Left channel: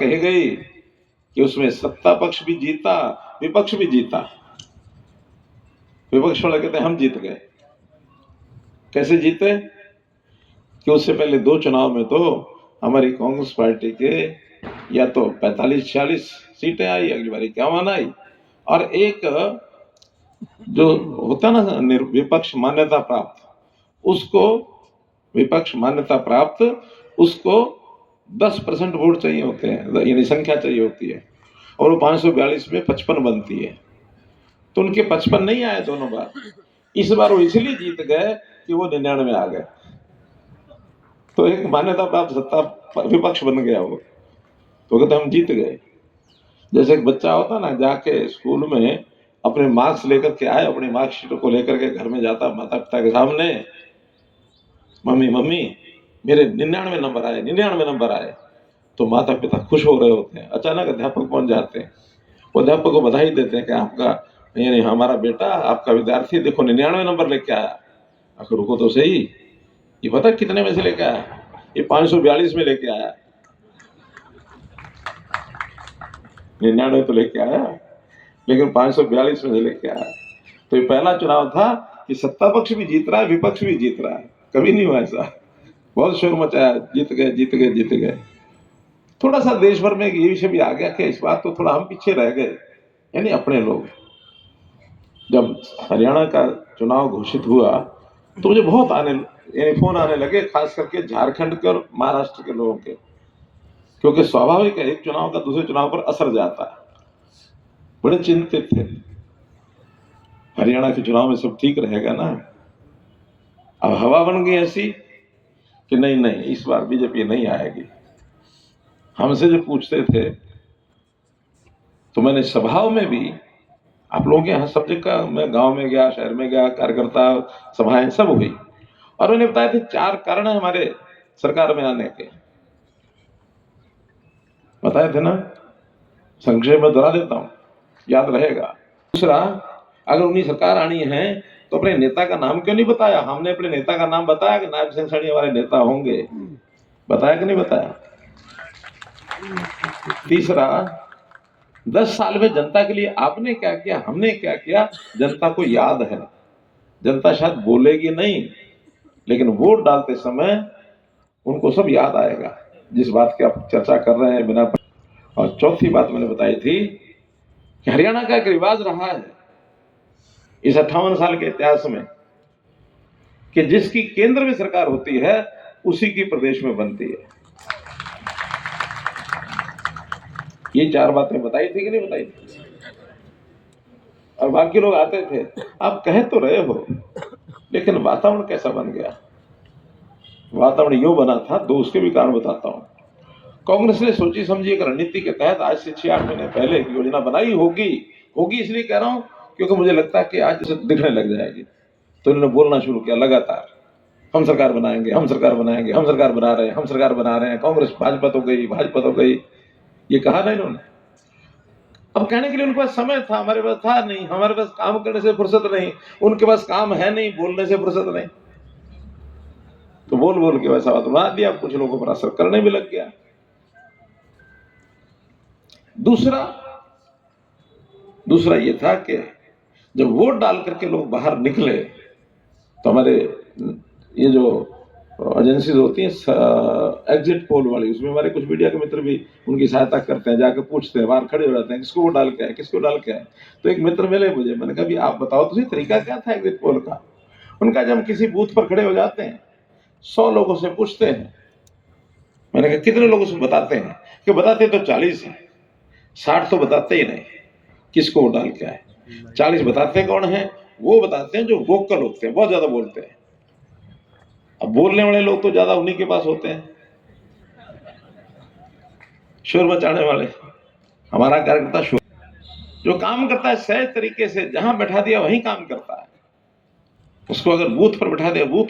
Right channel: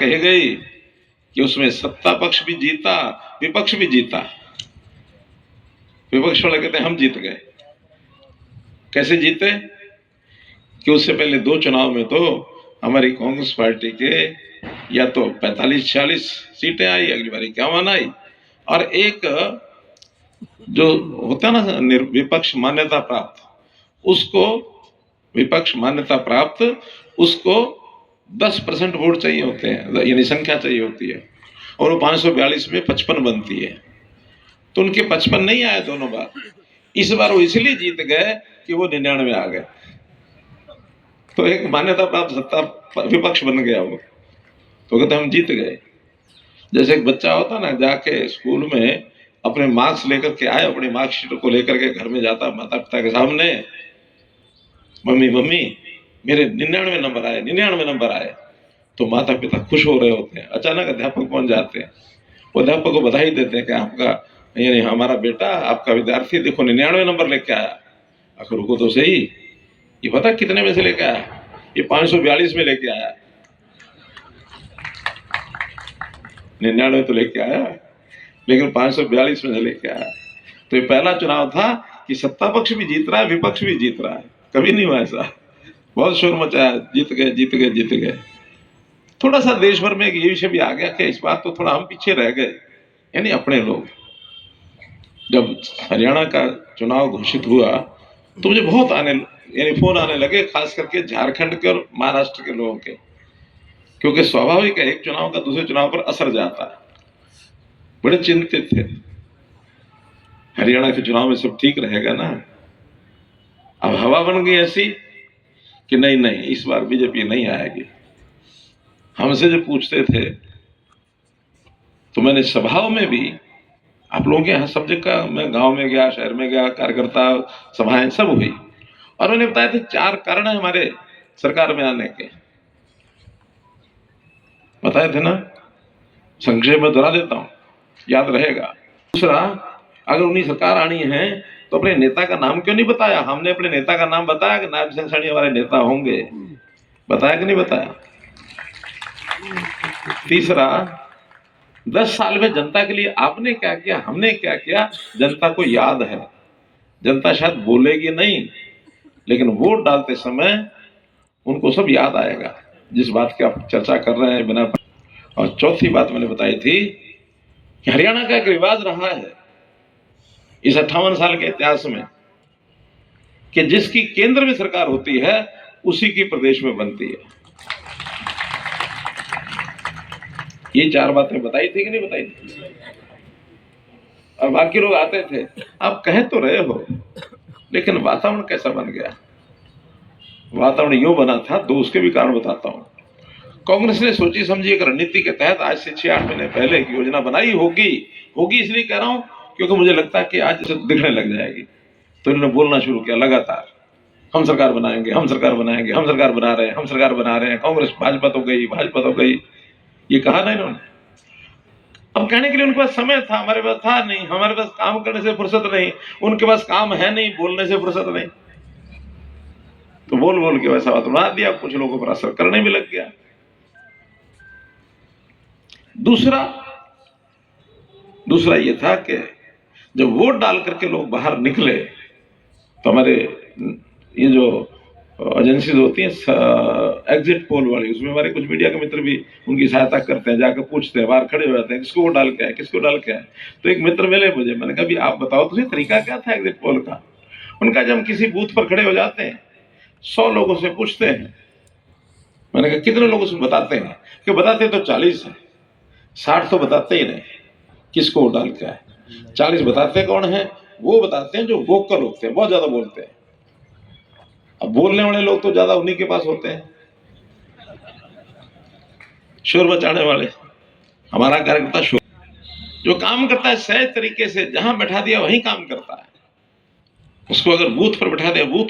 कही गई कि उसमें सत्ता पक्ष भी जीता, विपक्ष भी जीता। विपक्ष वाले कहते हम जीत गए। कैसे जीते? कि उससे पहले दो चुनाव में तो हमारी कांग्रेस पार्टी के या तो 45-46 सीटें आई, अगली बार 51 आई, और एक जो होता है ना विपक्ष मान्यता प्राप्त, उसको विपक्ष मान्यता प्राप्त उसको 10% वोट चाहिए होते हैं, यानी संख्या चाहिए होती है, और वो 542 में 55 बनती है। तो उनके 55 नहीं आए दोनों बार। इस बार वो इसलिए जीत गए कि वो 99 आ गए, तो एक मान्यता प्राप्त सत्ता विपक्ष बन गया वो। तो कहते हम जीत गए। जैसे एक बच्चा होता ना, जाके स्कूल में अपने मार्क्स लेकर के आए, अपनी मार्कशीट को लेकर के घर में जाता माता पिता के सामने, मम्मी मम्मी मेरे 99 नंबर आए, 99 नंबर आए। तो माता पिता खुश हो रहे होते हैं। अचानक अध्यापक पहुंच जाते हैं, वो अध्यापक को बधाई देते हैं कि आपका यानी हमारा बेटा, आपका विद्यार्थी देखो 99 नंबर लेके आया। आखिर रुको तो सही, ये पता कितने में से लेके आया? ये 542 में लेके आया। 99 तो लेके आया, लेकिन 542 में से लेके आया। तो ये पहला चुनाव था कि सत्ता पक्ष भी जीत रहा है, विपक्ष भी जीत रहा है। कभी नहीं हुआ ऐसा। बहुत शोर मचाया, जीत गए जीत गए जीत गए। थोड़ा सा देश भर में ये विषय भी आ गया कि इस बात तो थोड़ा हम पीछे रह गए, यानी अपने लोग। जब हरियाणा का चुनाव घोषित हुआ तो मुझे बहुत यानी फोन आने लगे, खास करके झारखंड के और महाराष्ट्र के लोगों के, क्योंकि स्वाभाविक है एक चुनाव का दूसरे चुनाव पर असर जाता है। बड़े चिंतित थे, हरियाणा के चुनाव में सब ठीक रहेगा ना? अब हवा बन गई ऐसी कि नहीं नहीं, इस बार बीजेपी नहीं आएगी। हमसे जो पूछते थे, तो मैंने सभाओं में भी, आप लोगों के यहाँ सब जगह, मैं गांव में गया, शहर में गया, कार्यकर्ता सभाएं सब हुई, और मैंने बताया थे 4 कारण है हमारे सरकार में आने के, बताए थे ना? संक्षेप में दोहरा देता हूं, याद रहेगा। दूसरा, अगर उन्हीं सरकार आनी है तो अपने नेता का नाम क्यों नहीं बताया? हमने अपने नेता का नाम बताया कि नायब सिंह सैनी हमारे नेता होंगे, बताया कि नहीं बताया? तीसरा, 10 साल में जनता के लिए आपने क्या किया, हमने क्या किया, जनता को याद है। जनता शायद बोलेगी नहीं, लेकिन वोट डालते समय उनको सब याद आएगा, जिस बात की आप चर्चा कर रहे हैं बिना। और चौथी बात मैंने बताई थी कि हरियाणा का एक रिवाज रहा है इस 58 साल के इतिहास में कि जिसकी केंद्र में सरकार होती है उसी की प्रदेश में बनती है। ये 4 बातें बताई थी कि नहीं बताई थी? और बाकी लोग आते थे, आप कह तो रहे हो, लेकिन वातावरण कैसा बन गया? वातावरण यूं बना था, तो उसके भी कारण बताता हूं। कांग्रेस ने सोची समझी एक रणनीति के तहत आज से 6-8 महीने पहले एक योजना बनाई होगी इसलिए कह रहा हूं क्योंकि मुझे लगता है कि आज इसे दिखने लग जाएगी। तो इन्होंने बोलना शुरू किया लगातार, हम सरकार बनाएंगे, हम सरकार बनाएंगे, हम सरकार बना रहे हैं, हम सरकार बना रहे हैं, कांग्रेस भाजपा तो गई, भाजपा तो गई, ये कहा ना इन्होंने। अब कहने के लिए उनके पास समय था, हमारे पास था नहीं, हमारे पास काम करने से फुर्सत नहीं, उनके पास काम है नहीं, बोलने से फुर्सत नहीं, तो बोल बोल के वैसा बात बना दिया, कुछ लोगों पर असर करने भी लग गया। दूसरा ये था कि जब वोट डाल करके लोग बाहर निकले तो हमारे ये जो एजेंसीज होती हैं एग्जिट पोल वाली, उसमें हमारे कुछ मीडिया के मित्र भी उनकी सहायता करते हैं, जाकर पूछते हैं, बाहर खड़े हो जाते हैं, किसको वोट डाल के आए, किसको डाल के आए। तो एक मित्र मिले मुझे, मैंने कहा भी आप बताओ तो तरीका क्या था एग्जिट पोल का? उनका, जब हम किसी बूथ पर खड़े हो जाते हैं 100 लोगों से पूछते हैं, मैंने कहा कितने लोगों से बताते हैं? कि बताते तो 40 हैं, 60 तो बताते ही नहीं किसको वोट डाल के आए। 40 बताते कौन है? वो बताते हैं जो वोकल होते हैं, बहुत ज्यादा बोलते हैं। अब बोलने वाले लोग तो ज्यादा उन्हीं के पास होते हैं, शोर मचाने वाले। हमारा कार्यकर्ता शोर जो काम करता है सहज तरीके से, जहां बैठा दिया वहीं काम करता है। उसको अगर बूथ पर बैठा दिया, बूथ